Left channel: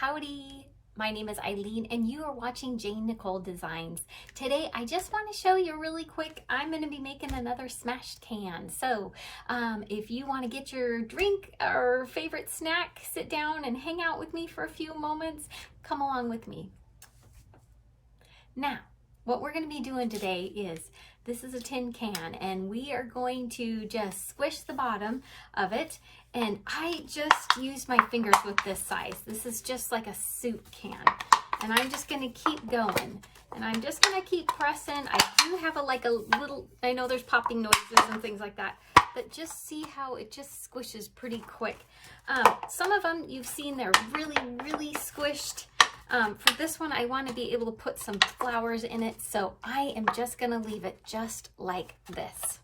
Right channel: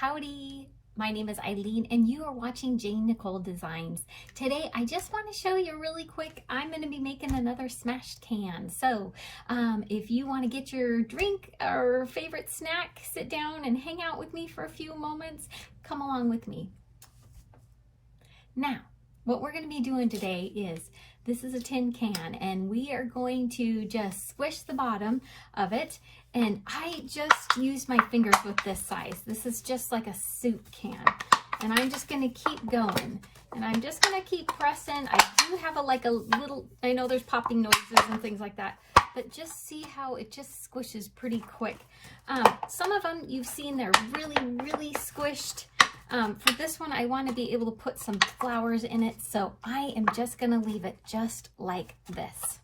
Howdy, my name is Eileen and you are watching Jane Nicole Designs. Today I just want to show you really quick, I'm going to be making another smashed can. So if you want to get your drink or favorite snack, sit down and hang out with me for a few moments, come along with me. Now, what we're going to be doing today is, this is a tin can and we are going to just squish the bottom of it. And I just used my fingers with this size. This is just like a soup can. And I'm just gonna keep going. And I'm just gonna keep pressing. I do have a little, I know there's popping noises and things like that, but just see how it just squishes pretty quick. Some of them you've seen they're really squished. For this one, I want to be able to put some flowers in it. So I am just gonna leave it just like this.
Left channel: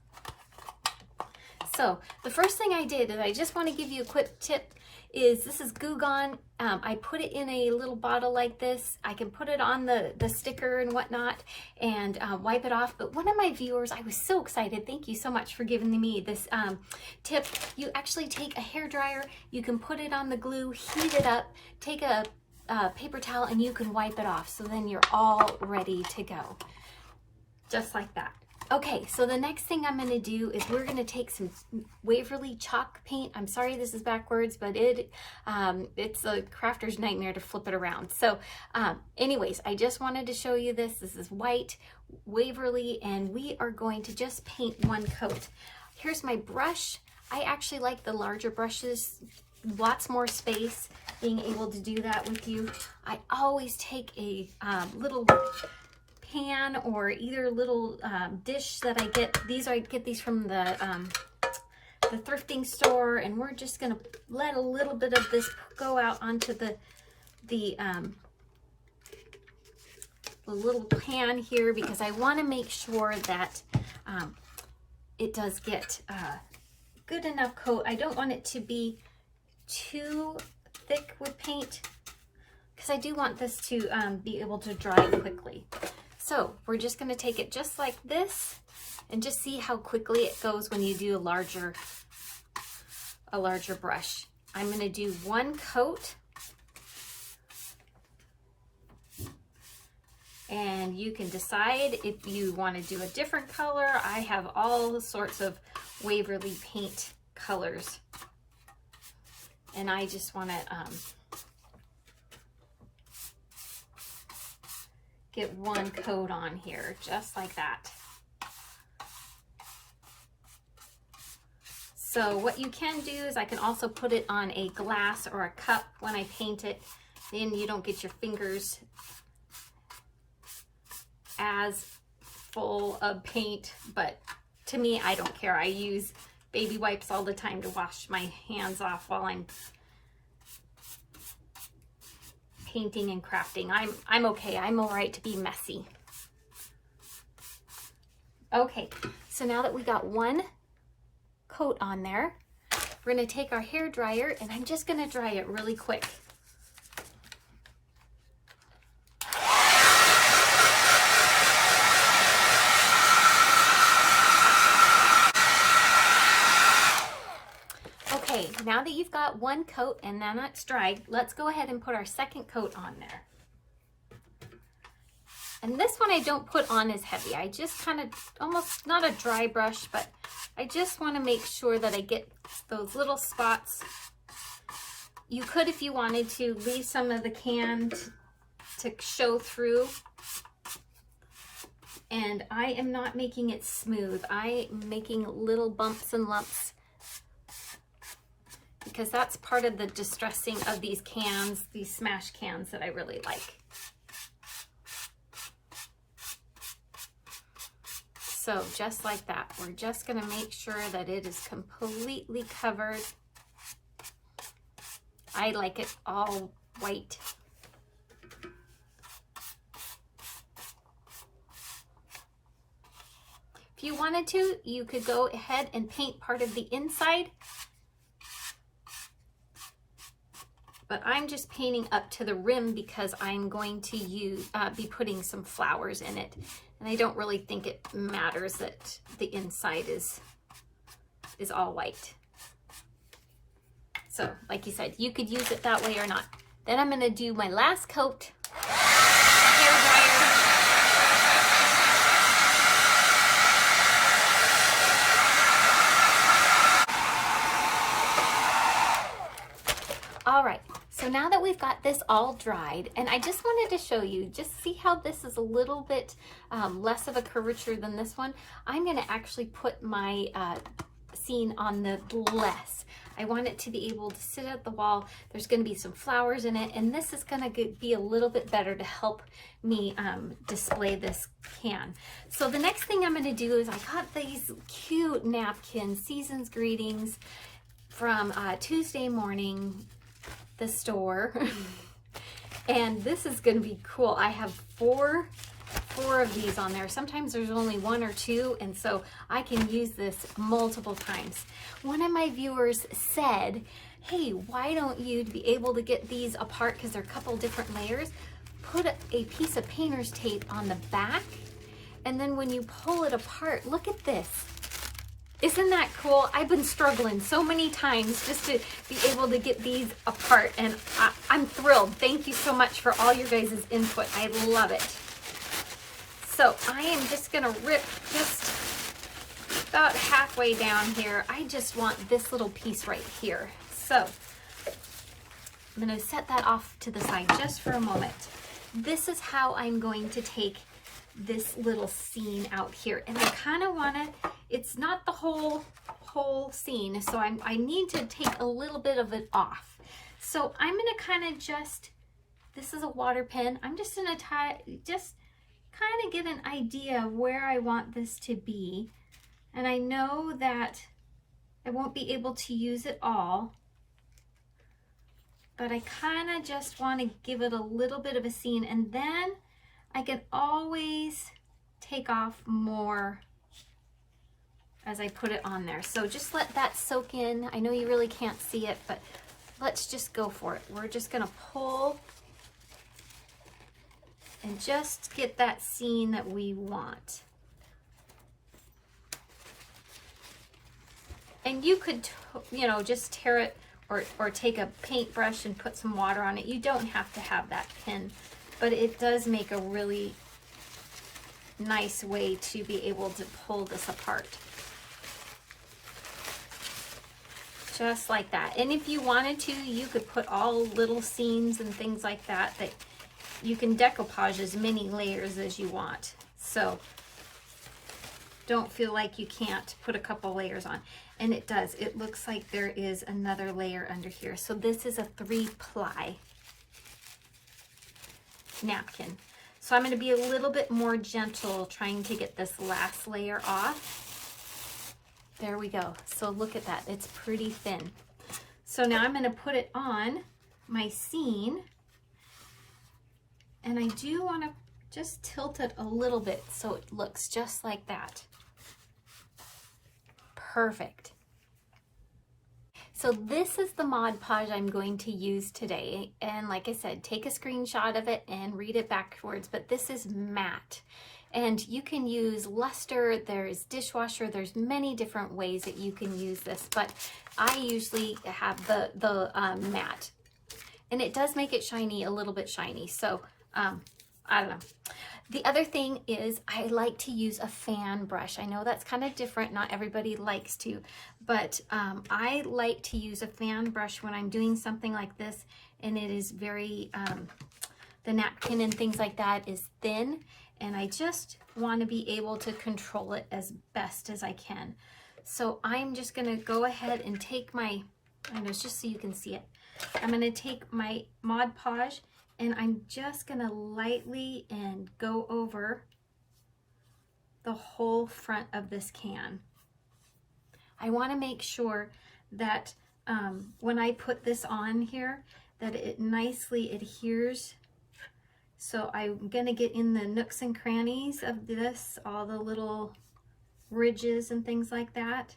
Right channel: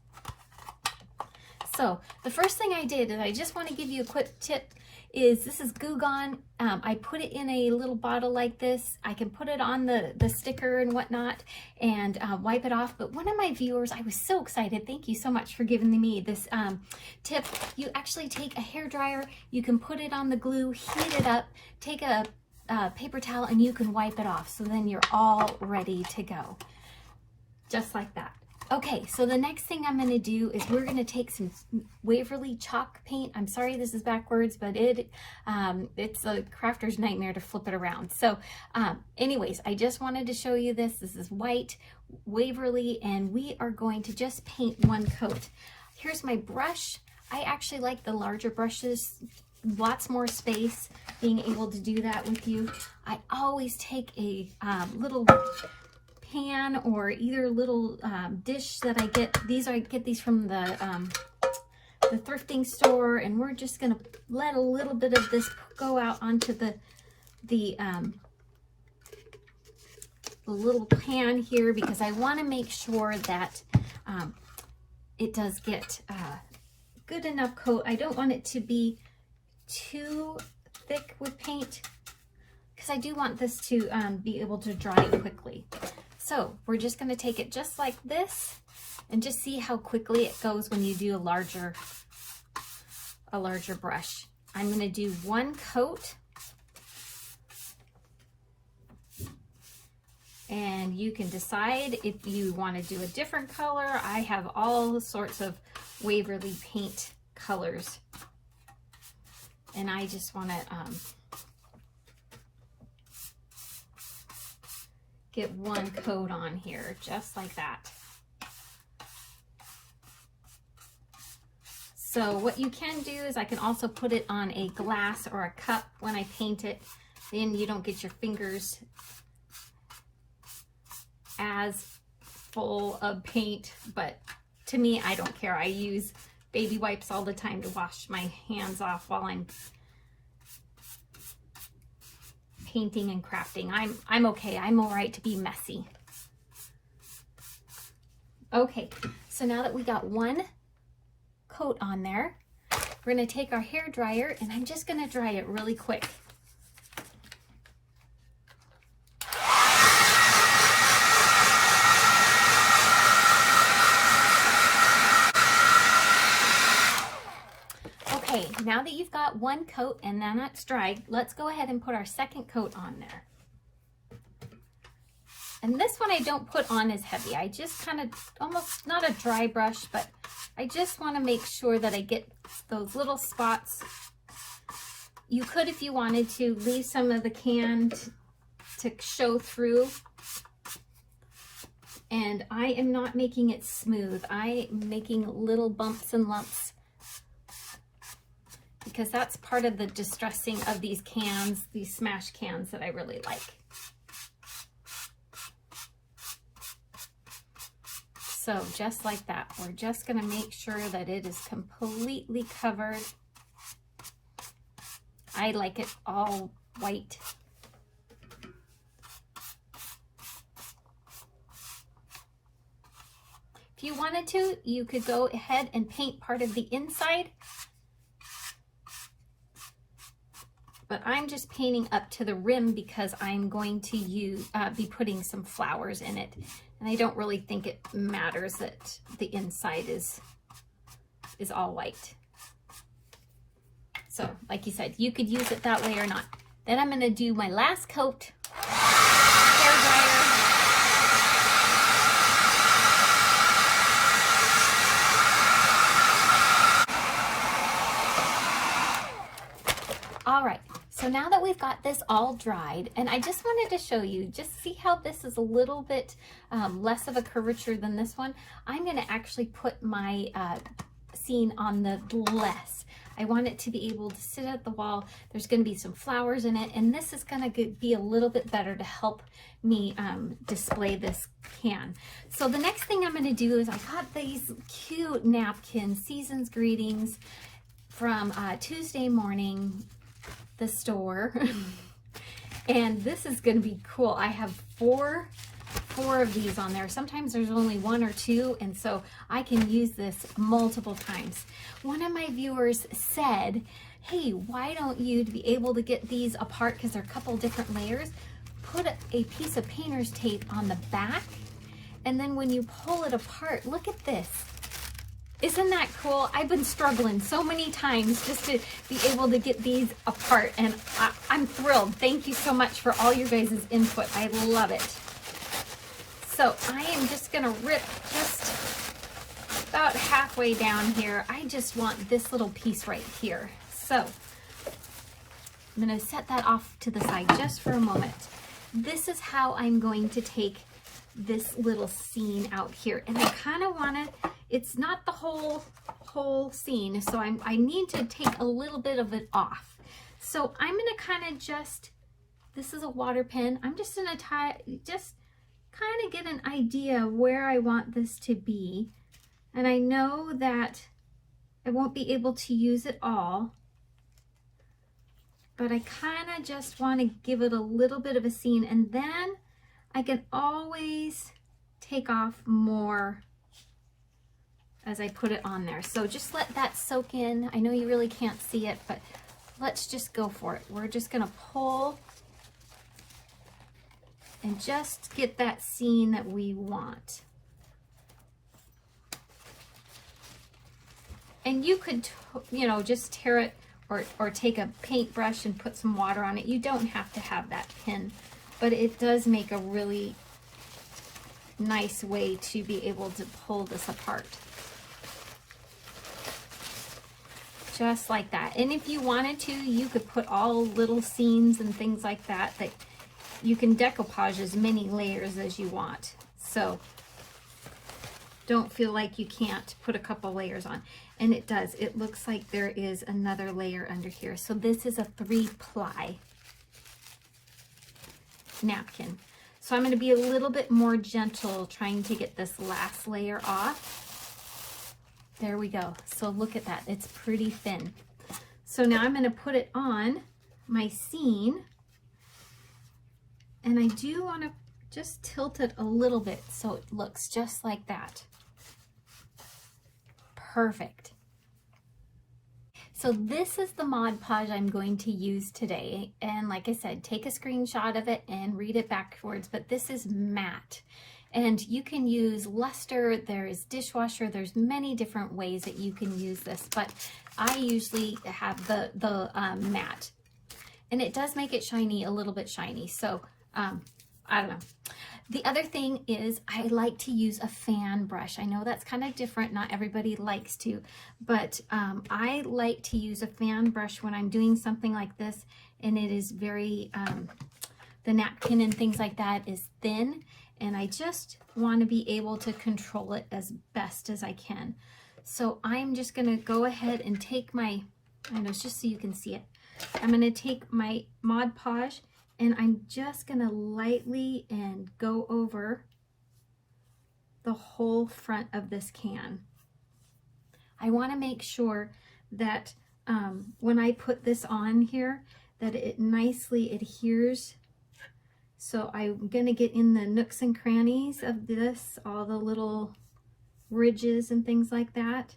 So the first thing I did, and I just want to give you a quick tip, is this is Goo Gone. I put it in a little bottle like this. I can put it on the sticker and whatnot and wipe it off. But one of my viewers, I was so excited. Thank you so much for giving me this tip. You actually take a hairdryer, you can put it on the glue, heat it up, take a paper towel and you can wipe it off. So then you're all ready to go. Just like that. Okay, so the next thing I'm going to do is we're going to take some Waverly chalk paint. I'm sorry this is backwards, but it's a crafter's nightmare to flip it around. So anyways, I just wanted to show you this. This is white Waverly, and we are going to just paint one coat. Here's my brush. I actually like the larger brushes, lots more space, being able to do that with you. I always take a little pan or either little dish that I get. I get these from the thrifting store, and we're just gonna let a little bit of this go out onto the little pan here, because I want to make sure that it does get good enough coat. I don't want it to be too thick with paint, because I do want this to be able to dry quickly. So we're just going to take it just like this and just see how quickly it goes when you do a larger brush. I'm going to do one coat, and you can decide if you want to do a different color. I have all sorts of Waverly paint colors, and I just want to get one coat on here, just like that. So what you can do is I can also put it on a glass or a cup when I paint it. Then you don't get your fingers as full of paint, but to me, I don't care. I use baby wipes all the time to wash my hands off while I'm painting and crafting. I'm okay. I'm all right to be messy. Okay, so now that we got one coat on there, we're going to take our hair dryer, and I'm just going to dry it really quick. Okay, now that you've got one coat and now it's dried, let's go ahead and put our second coat on there. And this one I don't put on as heavy. I just kind of, almost not a dry brush, but I just want to make sure that I get those little spots. You could, if you wanted to, leave some of the can to show through. And I am not making it smooth. I am making little bumps and lumps, because that's part of the distressing of these cans, these smash cans that I really like. So just like that, we're just going to make sure that it is completely covered. I like it all white. If you wanted to, you could go ahead and paint part of the inside, but I'm just painting up to the rim because I'm going to be putting some flowers in it. And I don't really think it matters that the inside is all white. So like you said, you could use it that way or not. Then I'm going to do my last coat. All right, so now that we've got this all dried, and I just wanted to show you, just see how this is a little bit less of a curvature than this one. I'm going to actually put my scene on the less. I want it to be able to sit at the wall. There's going to be some flowers in it, and this is going to be a little bit better to help me display this can. So the next thing I'm going to do is I got these cute napkins, Season's Greetings from Tuesday Morning, the store. And this is going to be cool. I have four of these on there. Sometimes there's only one or two, and so I can use this multiple times. One of my viewers said, hey, why don't you be able to get these apart, because they're a couple different layers, put a piece of painter's tape on the back, and then when you pull it apart, look at this. Isn't that cool? I've been struggling so many times just to be able to get these apart, and I'm thrilled. Thank you so much for all your guys' input. I love it. So I am just gonna rip just about halfway down here. I just want this little piece right here. So I'm gonna set that off to the side just for a moment. This is how I'm going to take this little scene out here, and I kind of want to, it's not the whole scene, so I need to take a little bit of it off. So I'm going to kind of just, this is a water pen, I'm just going to just kind of get an idea of where I want this to be, and I know that I won't be able to use it all, but I kind of just want to give it a little bit of a scene, and then I can always take off more as I put it on there. So just let that soak in. I know you really can't see it, but let's just go for it. We're just gonna pull and just get that scene that we want. And you could, you know, just tear it or take a paintbrush and put some water on it. You don't have to have that pin, but it does make a really nice way to be able to pull this apart. Just like that. And if you wanted to, you could put all little scenes and things like that, that you can decoupage as many layers as you want. So don't feel like you can't put a couple layers on. And it does. It looks like there is another layer under here. So this is a 3-ply napkin. So I'm going to be a little bit more gentle trying to get this last layer off. There we go. So look at that. It's pretty thin. So now I'm going to put it on my scene. And I do want to just tilt it a little bit so it looks just like that. Perfect. So this is the Mod Podge I'm going to use today. And like I said, take a screenshot of it and read it backwards, but this is matte. And you can use luster, there's dishwasher, there's many different ways that you can use this, but I usually have the matte. And it does make it shiny, a little bit shiny. So I don't know. The other thing is I like to use a fan brush. I know that's kind of different. Not everybody likes to, but I like to use a fan brush when I'm doing something like this, and it is very, the napkin and things like that is thin, and I just want to be able to control it as best as I can. So I'm just going to go ahead and take my, and it's just so you can see it, I'm going to take my Mod Podge, and I'm just going to lightly and go over the whole front of this can. I want to make sure that when I put this on here, that it nicely adheres. So I'm going to get in the nooks and crannies of this, all the little ridges and things like that.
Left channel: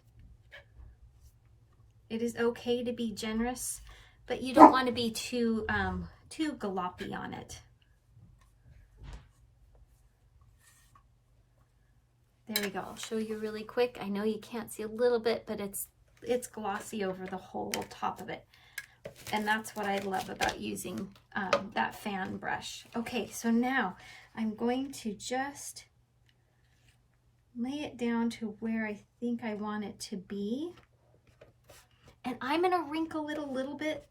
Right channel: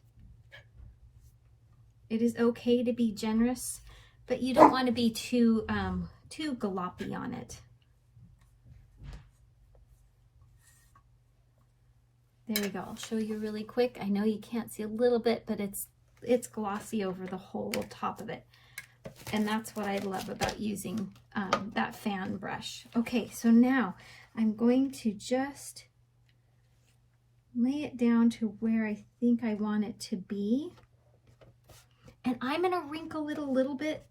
It is okay to be generous, but you don't want to be too gloppy on it. There we go. I'll show you really quick. I know you can't see a little bit, but it's glossy over the whole top of it. And that's what I love about using that fan brush. Okay, so now I'm going to just lay it down to where I think I want it to be. And I'm going to wrinkle it a little bit.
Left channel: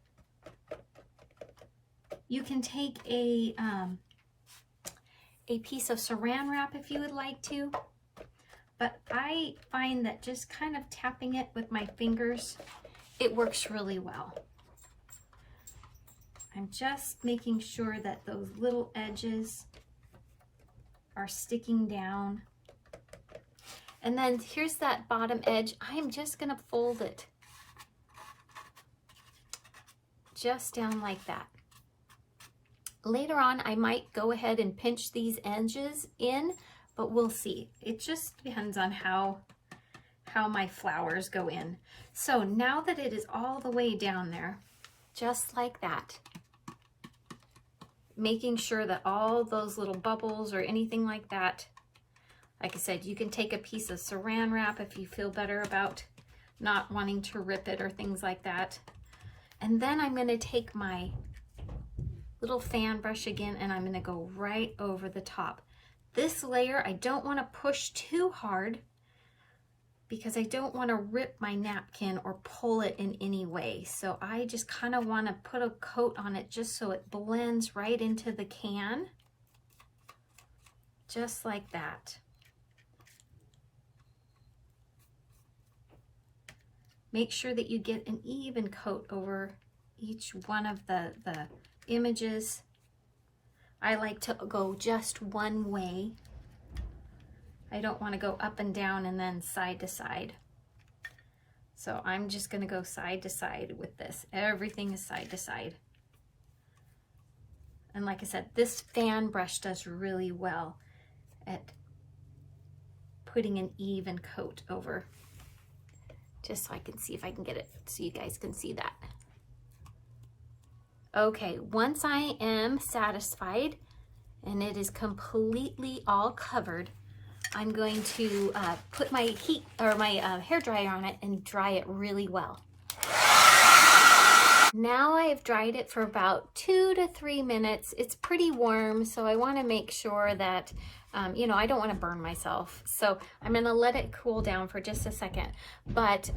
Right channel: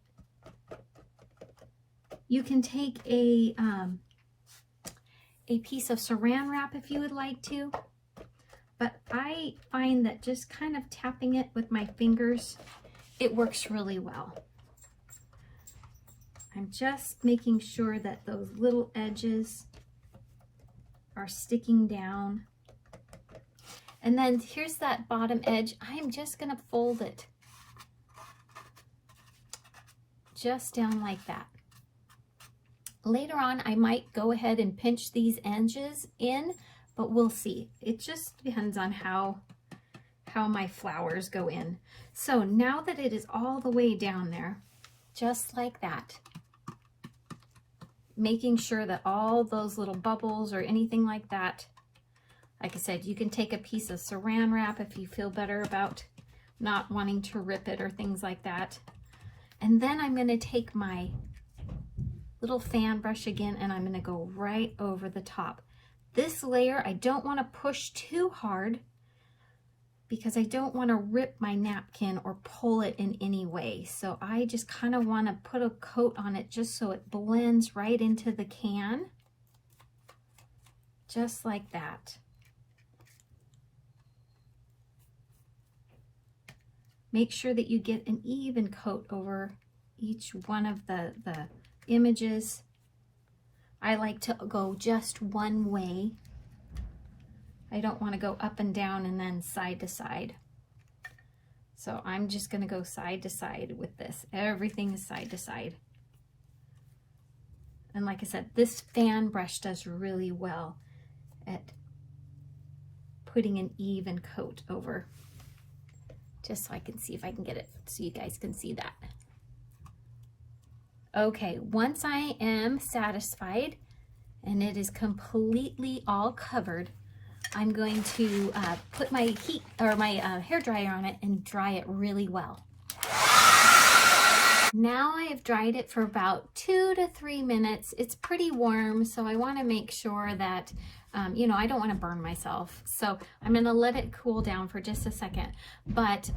You can take a piece of saran wrap if you would like to. But I find that just kind of tapping it with my fingers, it works really well. I'm just making sure that those little edges are sticking down. And then here's that bottom edge. I'm just going to fold it just down like that. Later on, I might go ahead and pinch these edges in, but we'll see. It just depends on how my flowers go in. So now that it is all the way down there, just like that, making sure that all those little bubbles or anything like that, like I said, you can take a piece of saran wrap if you feel better about not wanting to rip it or things like that. And then I'm going to take my little fan brush again and I'm going to go right over the top. This layer, I don't want to push too hard because I don't want to rip my napkin or pull it in any way. So I just kind of want to put a coat on it just so it blends right into the can. Just like that. Make sure that you get an even coat over each one of the images. I like to go just one way. I don't want to go up and down and then side to side. So I'm just going to go side to side with this. Everything is side to side. And like I said, this fan brush does really well at putting an even coat over. Just so I can see if I can get it so you guys can see that. Okay, once I am satisfied and it is completely all covered, I'm going to put my hair dryer on it and dry it really well. Now I have dried it for about 2 to 3 minutes. It's pretty warm, so I want to make sure that you know, I don't want to burn myself. So I'm going to let it cool down for just a second. But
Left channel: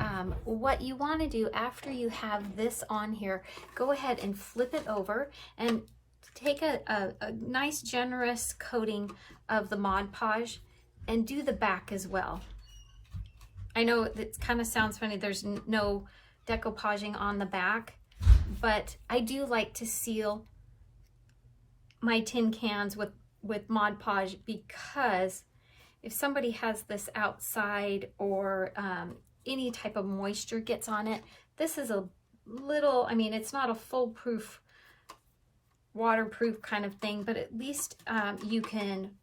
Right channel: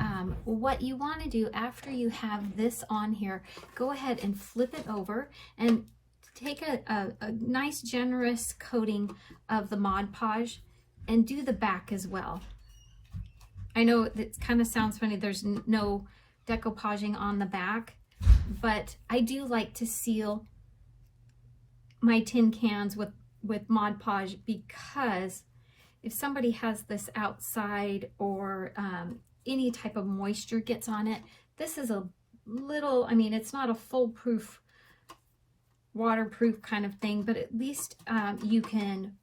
what you want to do after you have this on here, go ahead and flip it over and take a nice generous coating of the Mod Podge and do the back as well. I know it kind of sounds funny, there's no decoupaging on the back, but I do like to seal my tin cans with Mod Podge because if somebody has this outside or any type of moisture gets on it, this is a little, I mean, it's not a foolproof, waterproof kind of thing, but at least you can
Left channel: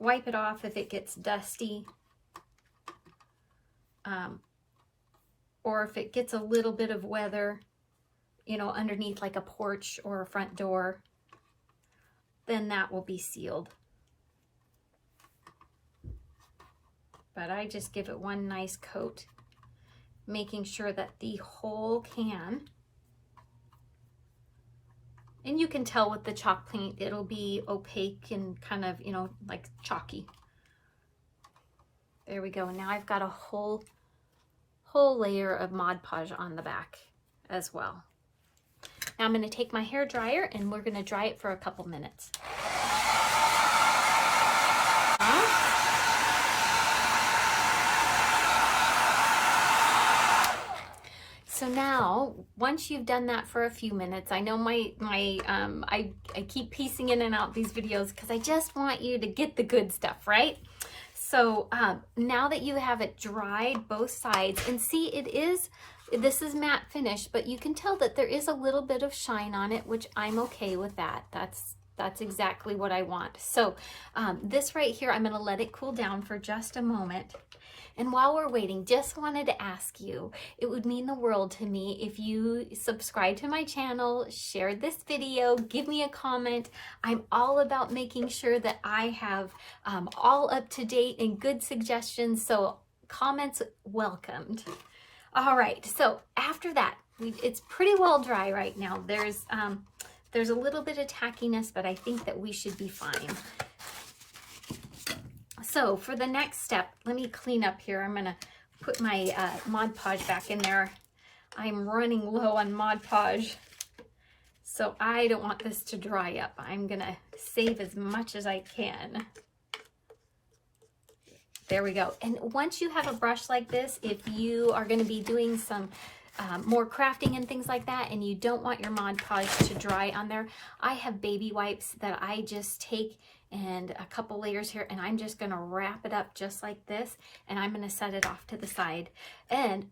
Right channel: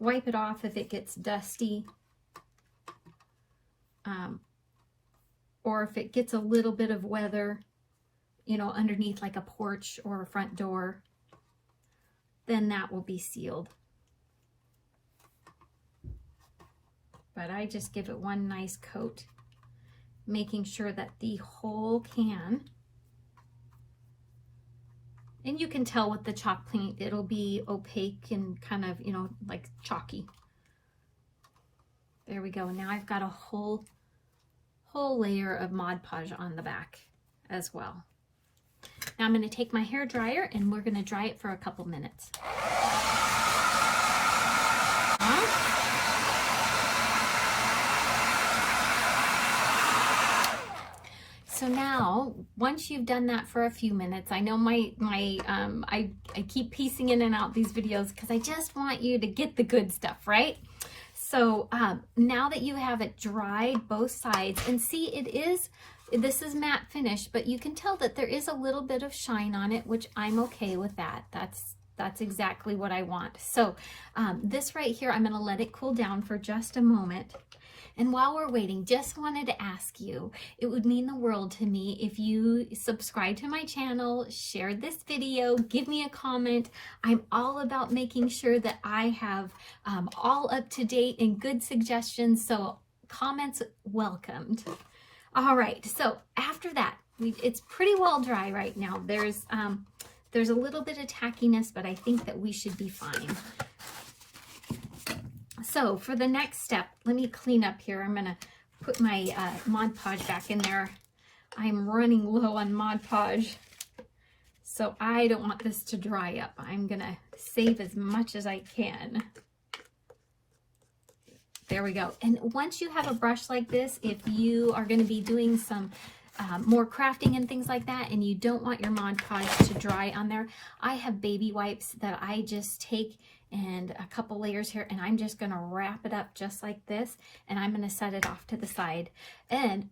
wipe it off if it gets dusty, or if it gets a little bit of weather, you know, underneath like a porch or a front door, then that will be sealed. But I just give it one nice coat, making sure that the whole can, and you can tell with the chalk paint, it'll be opaque and kind of, you know, like chalky. There we go. Now I've got a whole layer of Mod Podge on the back as well. Now I'm going to take my hair dryer and we're going to dry it for a couple minutes. So now, once you've done that for a few minutes, I know I keep piecing in and out these videos because I just want you to get the good stuff, right? So now that you have it dried both sides, and see, this is matte finish, but you can tell that there is a little bit of shine on it, which I'm okay with that. That's exactly what I want. So this right here, I'm going to let it cool down for just a moment. And while we're waiting, just wanted to ask you, it would mean the world to me if you subscribe to my channel, share this video, give me a comment. I'm all about making sure that I have all up to date and good suggestions, so comments welcomed. All right, so after that, It's pretty well dry right now. There's a little bit of tackiness, but I think that we should be fine. So for the next step, let me clean up here. I'm gonna put my Mod Podge back in there. I'm running low on Mod Podge, so I don't want this to dry up. I'm gonna save as much as I can. There we go. And once you have a brush like this, if you are going to be doing some more crafting and things like that, and you don't want your Mod Podge to dry on there, I have baby wipes that I just take and a couple layers here, and I'm just going to wrap it up just like this, and I'm going to set it off to the side. And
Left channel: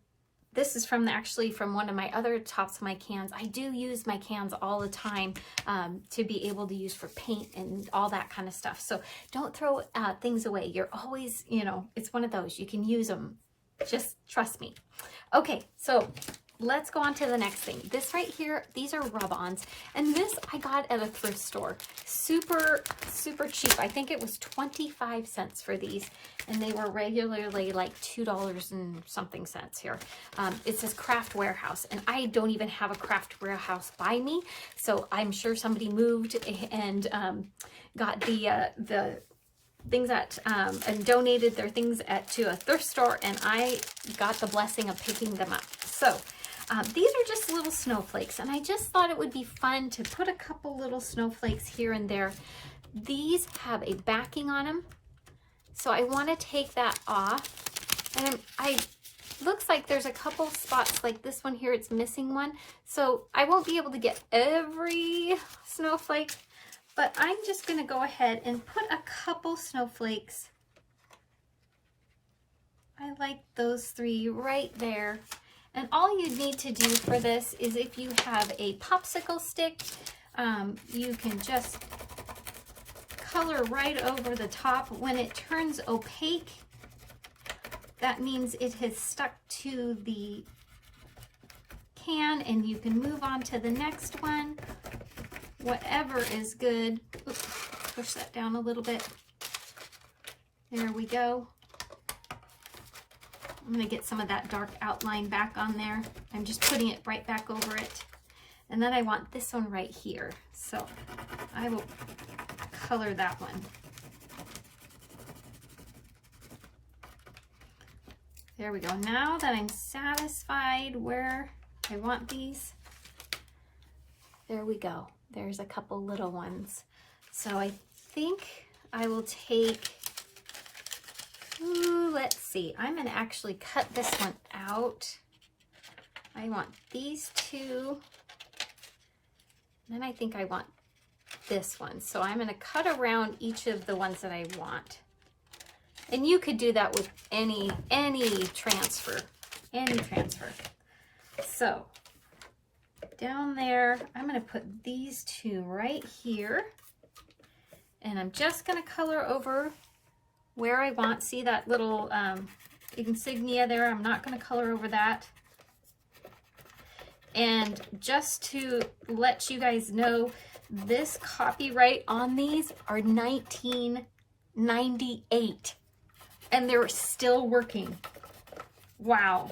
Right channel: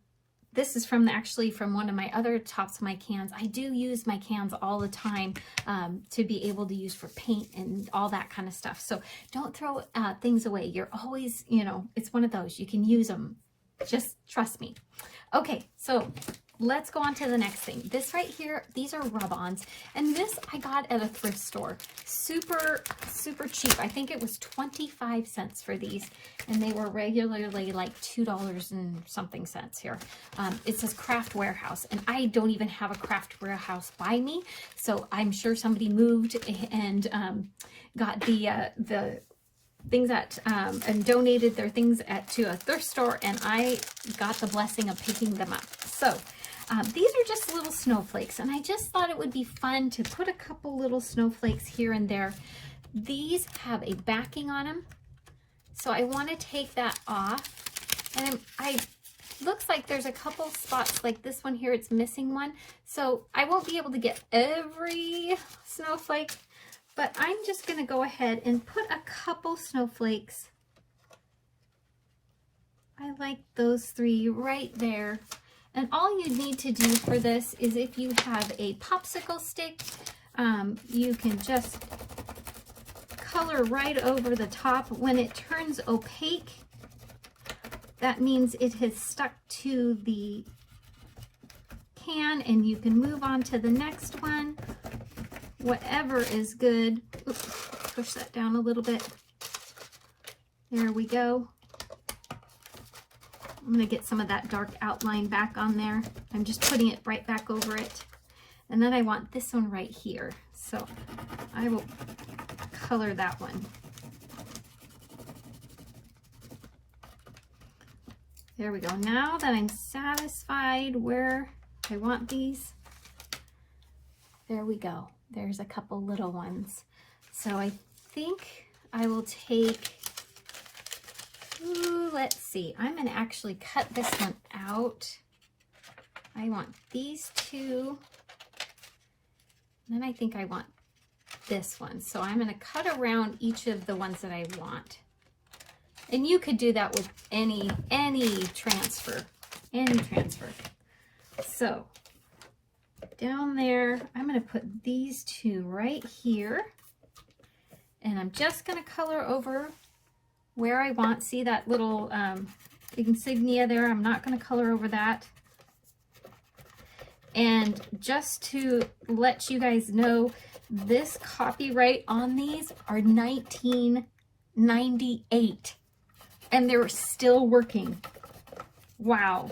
this is actually from one of my other tops of my cans. I do use my cans all the time to be able to use for paint and all that kind of stuff. So don't throw things away. You're always, you know, it's one of those. You can use them. Just trust me. Okay, so let's go on to the next thing. This right here, these are rub-ons. And this I got at a thrift store. Super, super cheap. I think it was 25 cents for these. And they were regularly like $2 and something cents here. It says Craft Warehouse. And I don't even have a Craft Warehouse by me. So I'm sure somebody moved and got the things and donated their things to a thrift store. And I got the blessing of picking them up. So these are just little snowflakes, and I just thought it would be fun to put a couple little snowflakes here and there. These have a backing on them, so I want to take that off. And looks like there's a couple spots like this one here, it's missing one. So I won't be able to get every snowflake, but I'm just going to go ahead and put a couple snowflakes. I like those 3 right there. And all you need to do for this is, if you have a popsicle stick, you can just color right over the top. When it turns opaque, that means it has stuck to the can, and you can move on to the next one. Whatever is good. Oops, push that down a little bit. There we go. I'm going to get some of that dark outline back on there. I'm just putting it right back over it. And then I want this one right here. So I will color that one. There we go. Now that I'm satisfied where I want these, there we go. There's a couple little ones. So I think I will take, let's see, I'm going to actually cut this one out. I want these 2. And then I think I want this one. So I'm going to cut around each of the ones that I want. And you could do that with any transfer. So down there, I'm going to put these 2 right here. And I'm just going to color over where I want. See that little insignia there? I'm not going to color over that. And just to let you guys know, this copyright on these are 1998. And they're still working. Wow.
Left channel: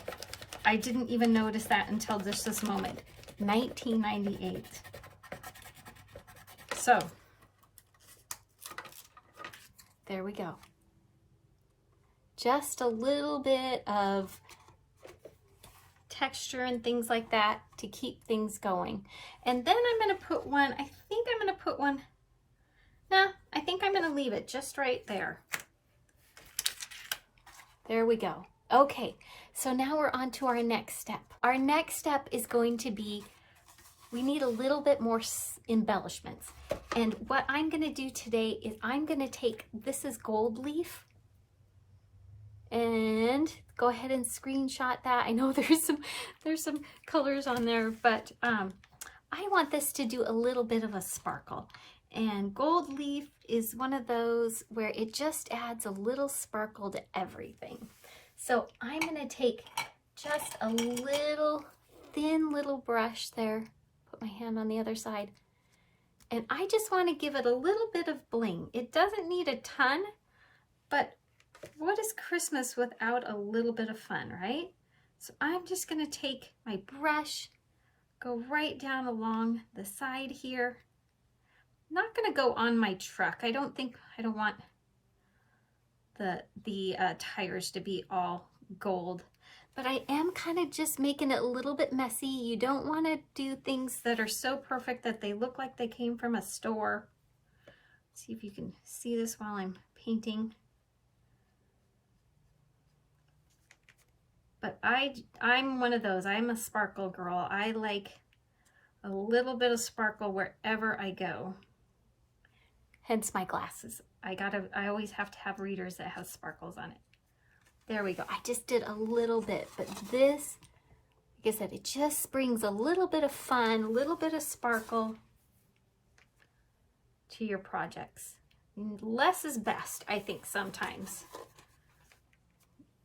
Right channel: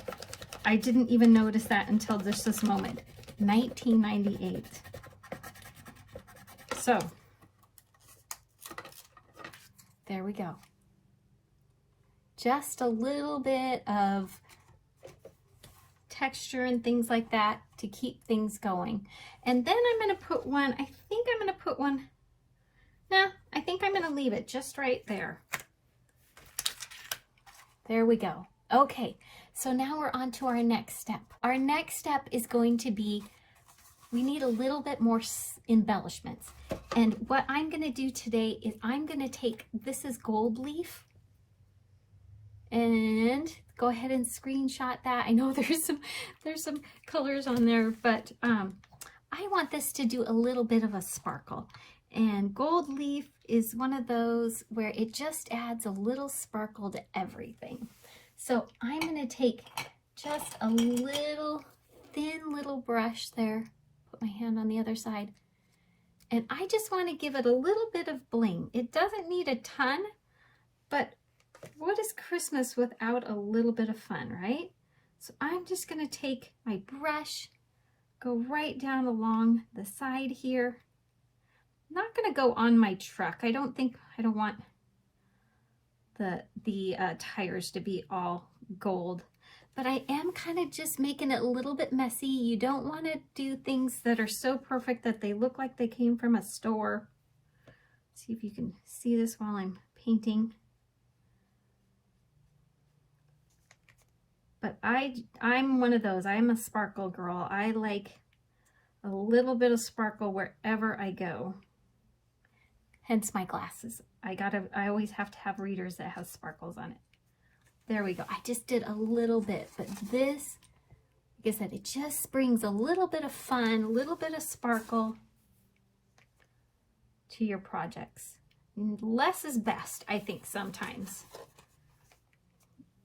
I didn't even notice that until just this moment. 1998. So, there we go. Just a little bit of texture and things like that to keep things going. And then I'm going to put one, I think I'm going to put one, nah, I think I'm going to leave it just right there. There we go. Okay, so now we're on to our next step. Our next step is going to be, we need a little bit more embellishments. And what I'm going to do today is I'm going to take, this is gold leaf, and go ahead and screenshot that. I know there's some colors on there, but I want this to do a little bit of a sparkle. And gold leaf is one of those where it just adds a little sparkle to everything. So I'm going to take just a little thin little brush there, put my hand on the other side, and I just want to give it a little bit of bling. It doesn't need a ton, but what is Christmas without a little bit of fun, right? So I'm just going to take my brush go right down along the side here. I'm not going to go on my truck. I don't want the tires to be all gold, but I am kind of just making it a little bit messy. You don't want to do things that are so perfect that they look like they came from a store. See if you can see this while I'm painting. But I'm one of those. I'm a sparkle girl. I like a little bit of sparkle wherever I go. Hence my glasses. I always have to have readers that have sparkles on it. There we go. I just did a little bit, but this, like I said, it just brings a little bit of fun, a little bit of sparkle to your projects. Less is best, I think, sometimes.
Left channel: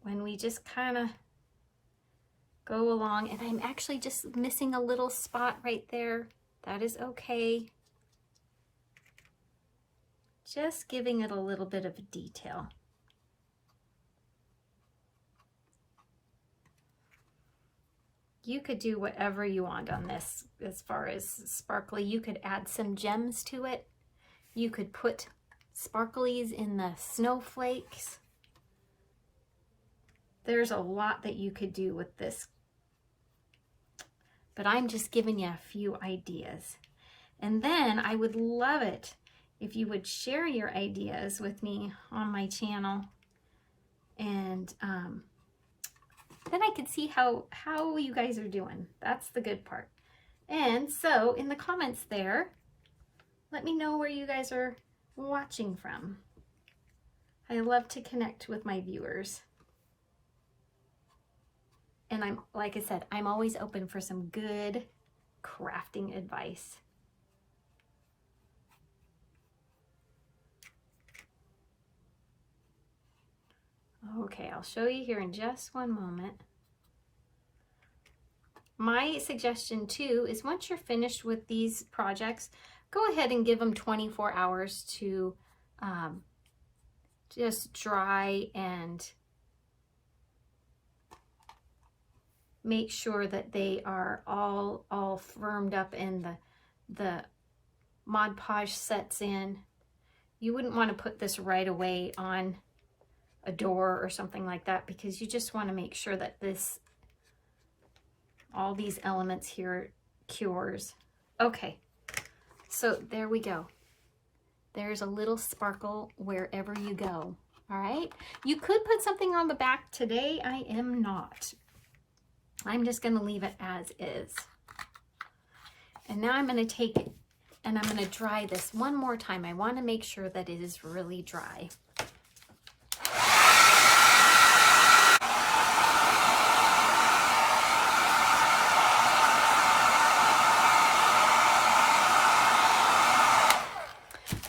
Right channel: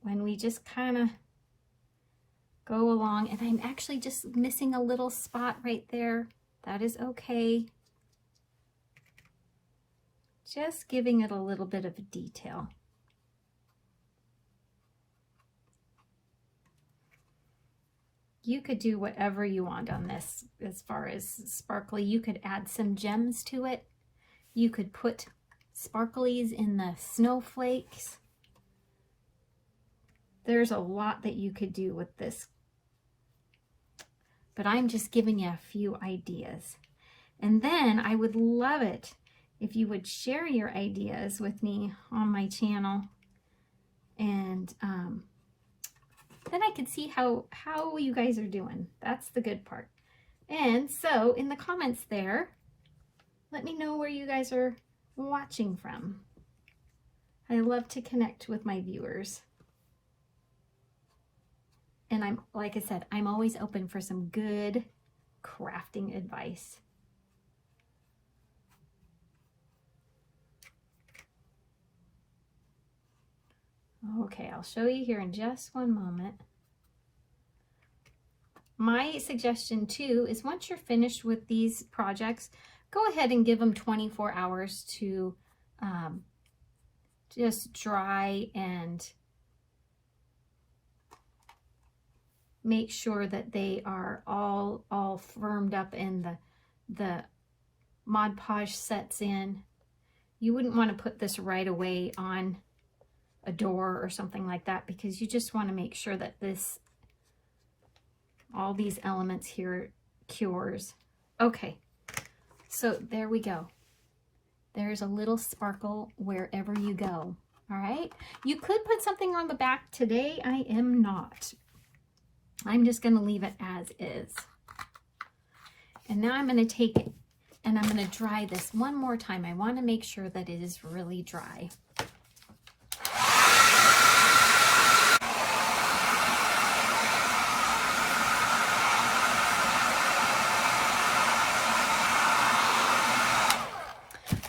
When we just kind of go along, and I'm actually just missing a little spot right there. That is okay. Just giving it a little bit of a detail. You could do whatever you want on this as far as sparkly. You could add some gems to it. You could put sparklies in the snowflakes. There's a lot that you could do with this, but I'm just giving you a few ideas. And then I would love it if you would share your ideas with me on my channel, and then I can see how you guys are doing. That's the good part. And so in the comments there, let me know where you guys are watching from. I love to connect with my viewers. And like I said, I'm always open for some good crafting advice. Okay, I'll show you here in just one moment. My suggestion too is once you're finished with these projects, go ahead and give them 24 hours to just dry and make sure that they are all firmed up and the Mod Podge sets in. You wouldn't want to put this right away on a door or something like that, because you just want to make sure that all these elements here cures. Okay, so there we go. There's a little sparkle wherever you go. All right, you could put something on the back. Today I am not. I'm just going to leave it as is. And now I'm going to take it and I'm going to dry this one more time. I want to make sure that it is really dry.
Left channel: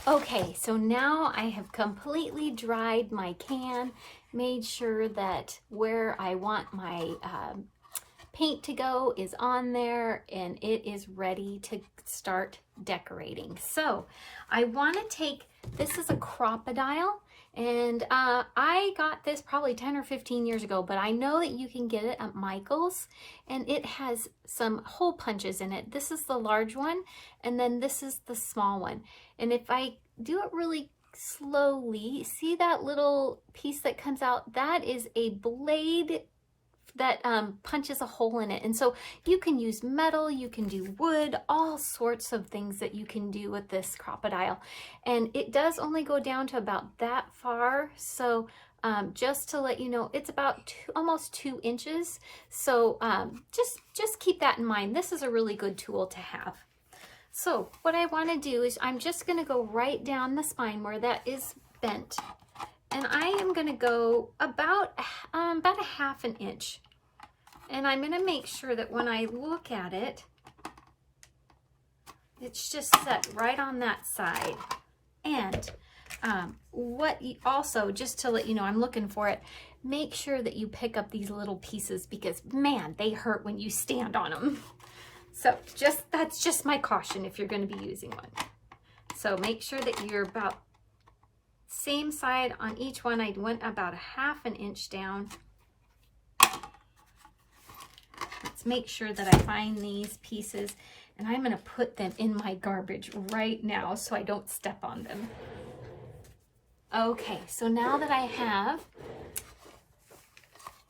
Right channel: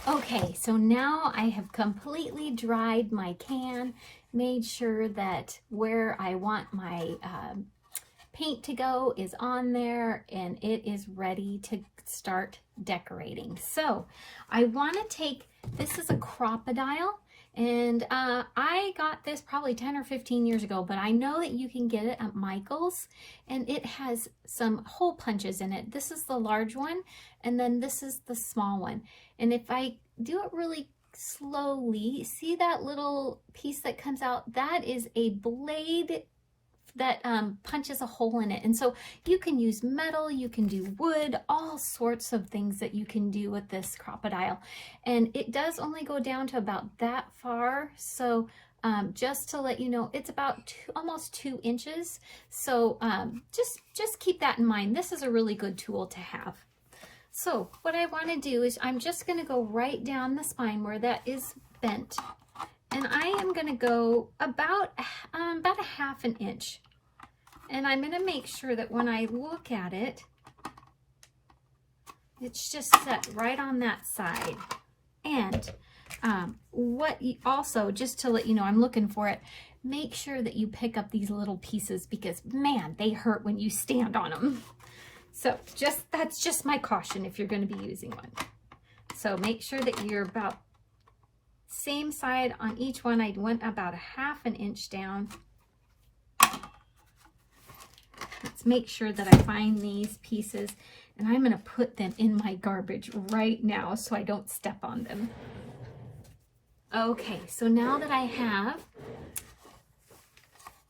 Okay, so now I have completely dried my can, made sure that where I want my paint to go is on there, and it is ready to start decorating. So I want to take, this is a crocodile, and I got this probably 10 or 15 years ago, but I know that you can get it at Michael's, and it has some hole punches in it. This is the large one, and then this is the small one. And if I do it really slowly, see that little piece that comes out? That is a blade that punches a hole in it. And so you can use metal, you can do wood, all sorts of things that you can do with this crocodile. And it does only go down to about that far. So just to let you know, it's about almost 2 inches. So just keep that in mind. This is a really good tool to have. So what I want to do is I'm just going to go right down the spine where that is bent. And I am going to go about a 1/2 inch. And I'm going to make sure that when I look at it, it's just set right on that side. And also, just to let you know, I'm looking for it, make sure that you pick up these little pieces, because man, they hurt when you stand on them. So that's just my caution if you're going to be using one. So make sure that you're about same side on each one. I went about a 1/2 inch down. Let's let's make sure that I find these pieces, and I'm going to put them in my garbage right now so I don't step on them. Okay, so now that I have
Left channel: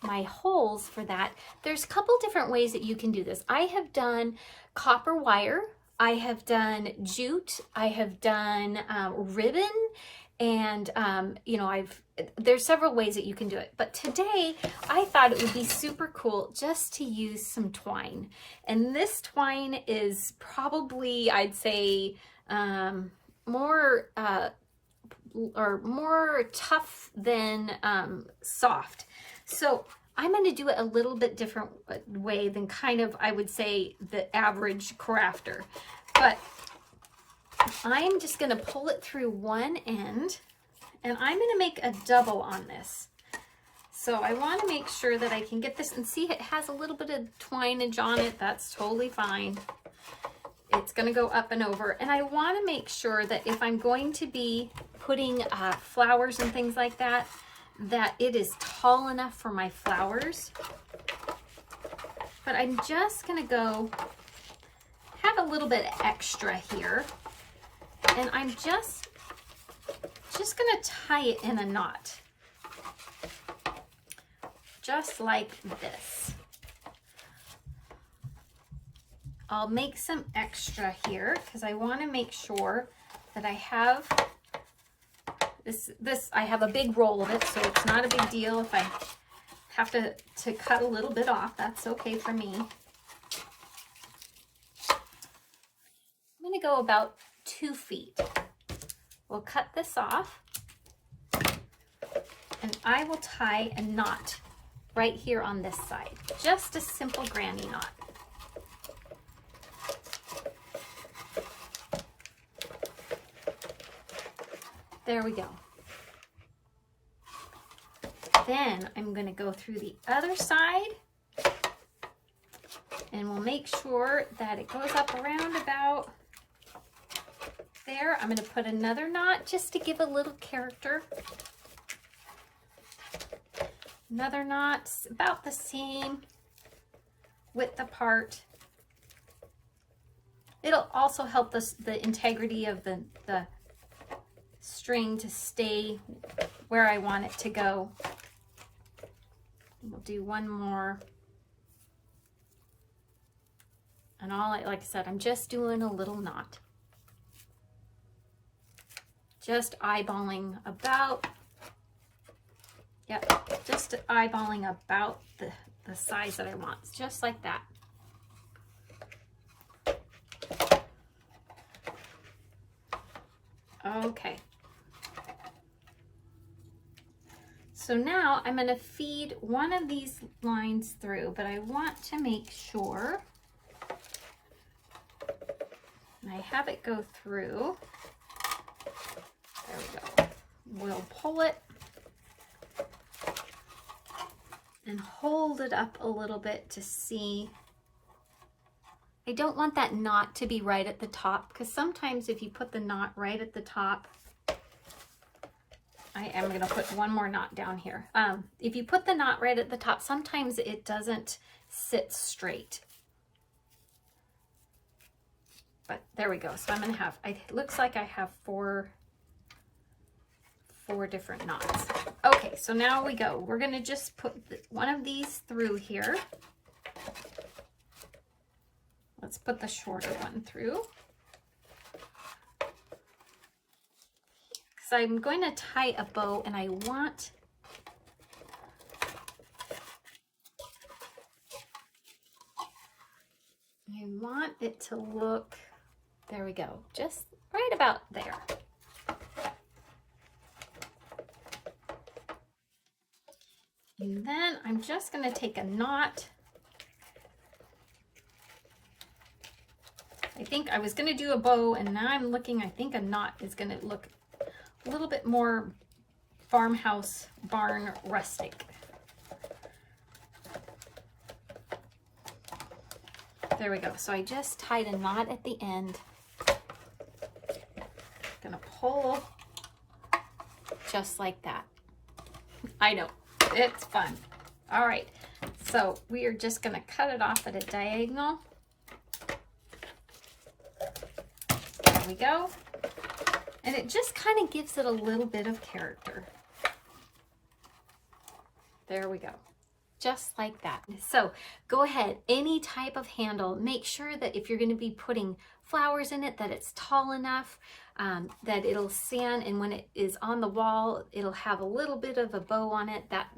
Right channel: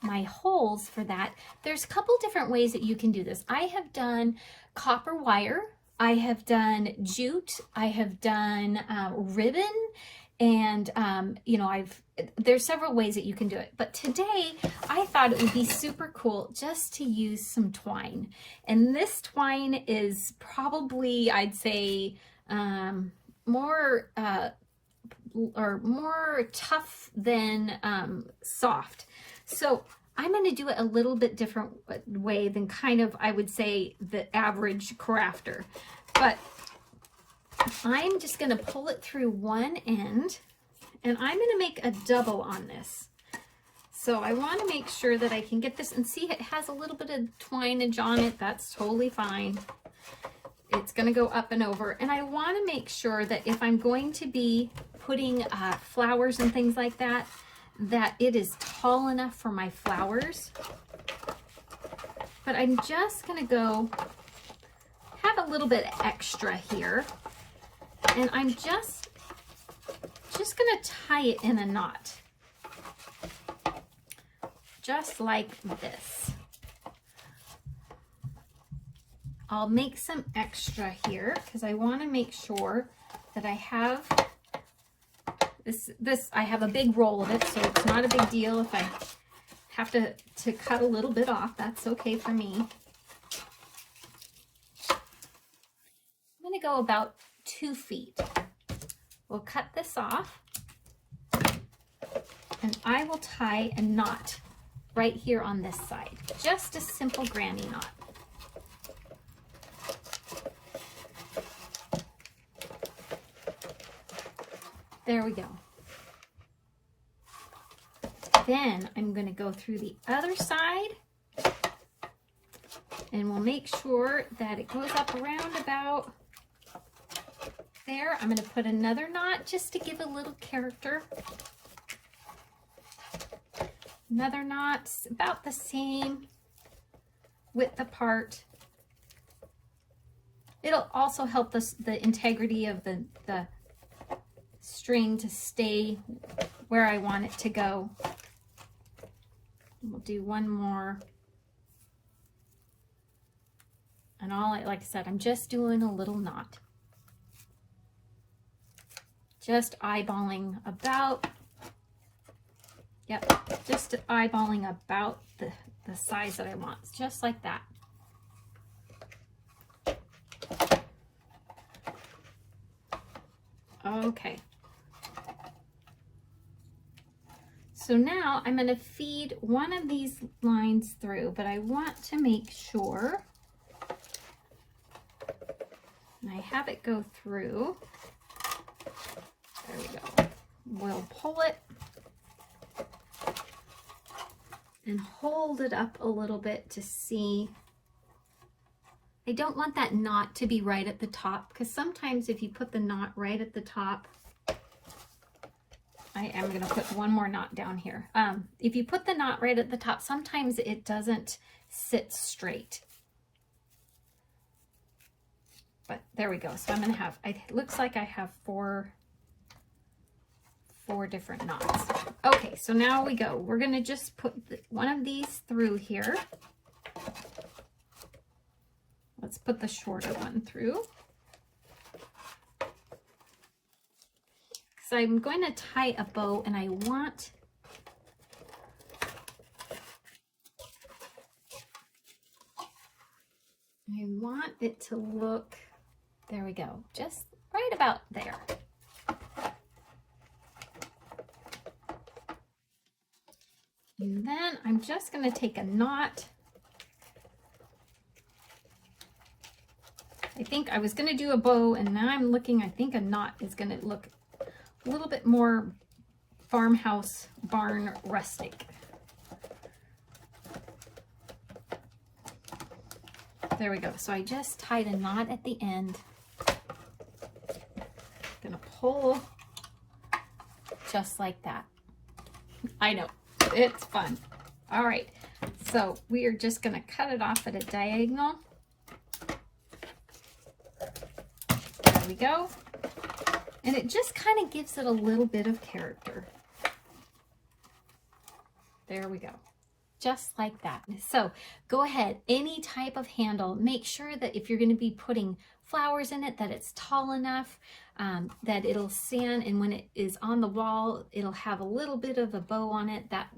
my holes for that, there's a couple different ways that you can do this. I have done copper wire, I have done jute, I have done ribbon, and you know, there's several ways that you can do it. But today I thought it would be super cool just to use some twine. And this twine is probably, I'd say, more tough than soft. So I'm going to do it a little bit different way than kind of, I would say, the average crafter. But I'm just going to pull it through one end, and I'm going to make a double on this. So I want to make sure that I can get this, and see it has a little bit of twinage on it. That's totally fine. It's going to go up and over. And I want to make sure that if I'm going to be putting flowers and things like that, that it is tall enough for my flowers. But I'm just going to go have a little bit extra here, and I'm just going to tie it in a knot, just like this. I'll make some extra here because I want to make sure that I have this. I have a big roll of it, so it's not a big deal if I have to cut a little bit off. That's okay for me. I'm going to go about 2 feet. We'll cut this off, and I will tie a knot right here on this side. Just a simple granny knot. There we go. Then I'm going to go through the other side, and we'll make sure that it goes up around about there. I'm going to put another knot just to give a little character. Another knot, about the same width apart. It'll also help the integrity of the string to stay where I want it to go. We'll do one more. And like I said, I'm just doing a little knot. Just eyeballing about, yep, just eyeballing about the size that I want, just like that. Okay. So now I'm going to feed one of these lines through, but I want to make sure, and I have it go through. There we go. We'll pull it and hold it up a little bit to see. I don't want that knot to be right at the top, because sometimes if you put the knot right at the top, I am going to put one more knot down here. If you put the knot right at the top, sometimes it doesn't sit straight. But there we go. So I'm going to have, it looks like I have four different knots. Okay, so now we go. We're going to just put one of these through here. Let's put the shorter one through. So I'm going to tie a bow, and I want it to look, there we go, just right about there. And then I'm just going to take a knot. I think I was going to do a bow, and now I'm looking, I think a knot is going to look a little bit more farmhouse, barn, rustic. There we go. So I just tied a knot at the end. Gonna pull just like that. I know, it's fun. All right, So we are just going to cut it off at a diagonal. There we go. And it just kind of gives it a little bit of character. There we go. Just like that. So go ahead, any type of handle, make sure that if you're going to be putting flowers in it, that it's tall enough, that it'll stand, and when it is on the wall, it'll have a little bit of a bow on it. That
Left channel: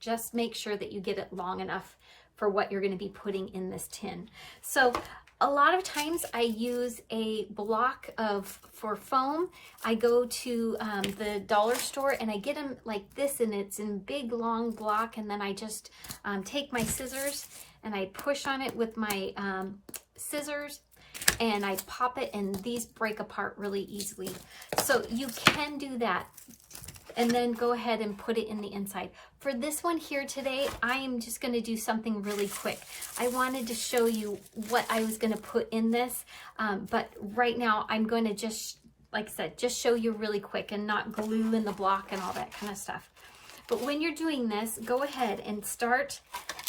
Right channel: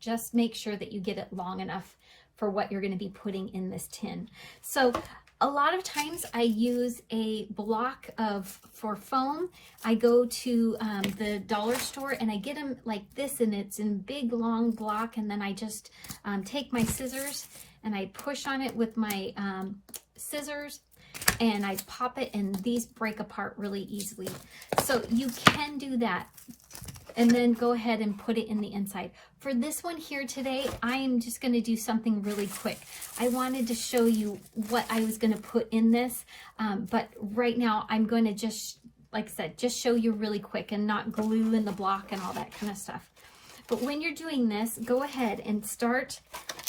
just make sure that you get it long enough for what you're going to be putting in this tin. So a lot of times I use a block for foam. I go to the dollar store and I get them like this, and it's in big long block, and then I just take my scissors and I push on it with my scissors and I pop it, and these break apart really easily. So you can do that and then go ahead and put it in the inside. For this one here today, I am just going to do something really quick. I wanted to show you what I was going to put in this, but right now I'm going to just, like I said, just show you really quick and not glue in the block and all that kind of stuff. But when you're doing this, go ahead and start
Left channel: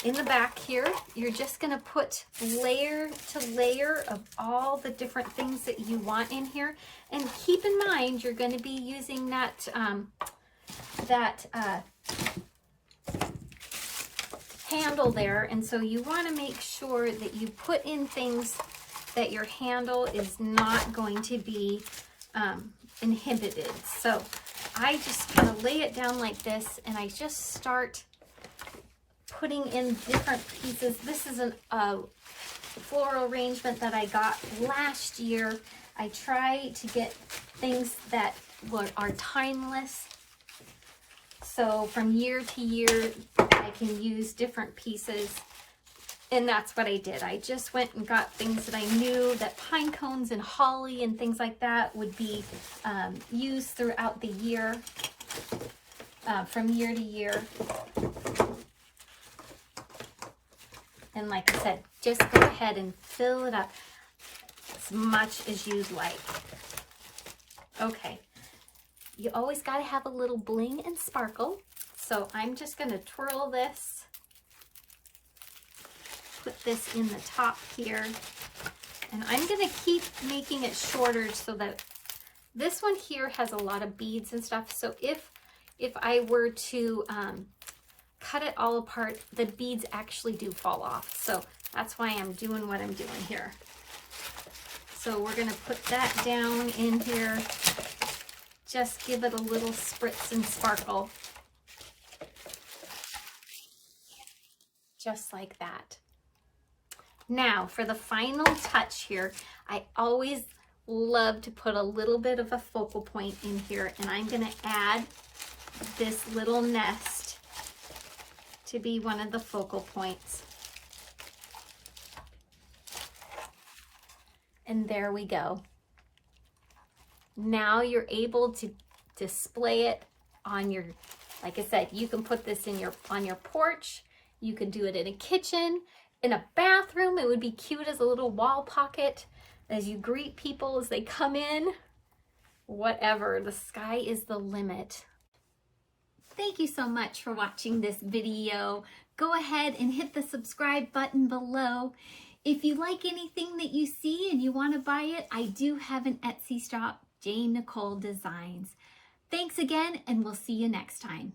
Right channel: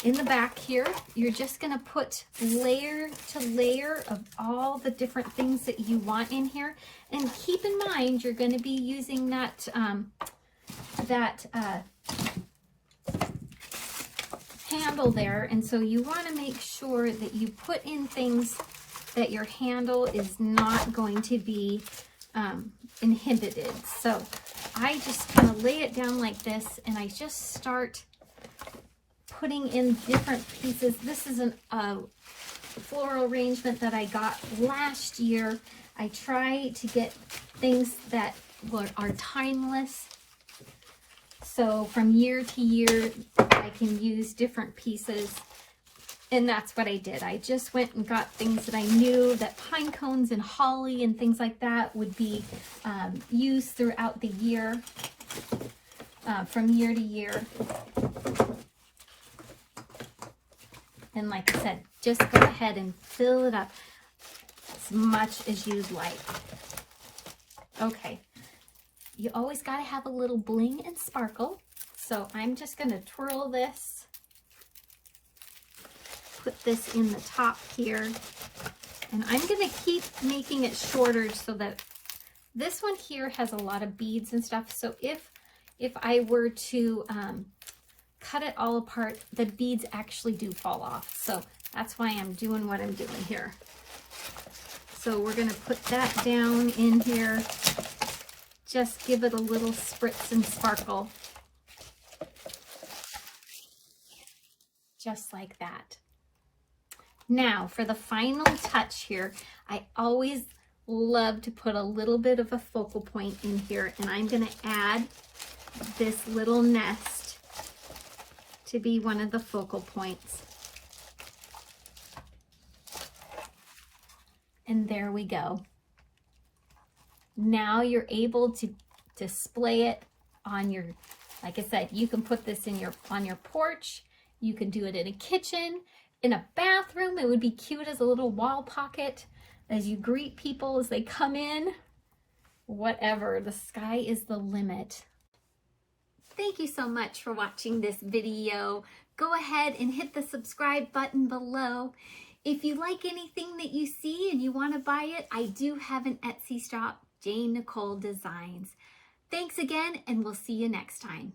in the back here. You're just going to put layer to layer of all the different things that you want in here. And keep in mind, you're going to be using that, handle there, and so you want to make sure that you put in things that your handle is not going to be inhibited. So I just kind of lay it down like this, and I just start putting in different pieces. This is a floral arrangement that I got last year. I try to get things that are timeless. So from year to year, I can use different pieces. And that's what I did. I just went and got things that I knew that pine cones and holly and things like that would be used throughout the year, from year to year. And like I said, just go ahead and fill it up as much as you'd like. Okay. You always got to have a little bling and sparkle. So I'm just going to twirl this, put this in the top here, and I'm going to keep making it shorter so that this one here has a lot of beads and stuff. So if I were to cut it all apart, the beads actually do fall off. So that's why I'm doing what I'm doing here. So we're going to put that down in here. Just give it a little spritz and sparkle. Just like that. Now for the final touch here, I always love to put a little bit of a focal point in here, and I'm going to add this little nest to be one of the focal points. And there we go. Now you're able to display it on your, like I said, you can put this in on your porch. You can do it in a kitchen, in a bathroom. It would be cute as a little wall pocket as you greet people as they come in. Whatever, the sky is the limit. Thank you so much for watching this video. Go ahead and hit the subscribe button below. If you like anything that you see and you want to buy it, I do have an Etsy shop, Jane Nicole Designs. Thanks again, and we'll see you next time.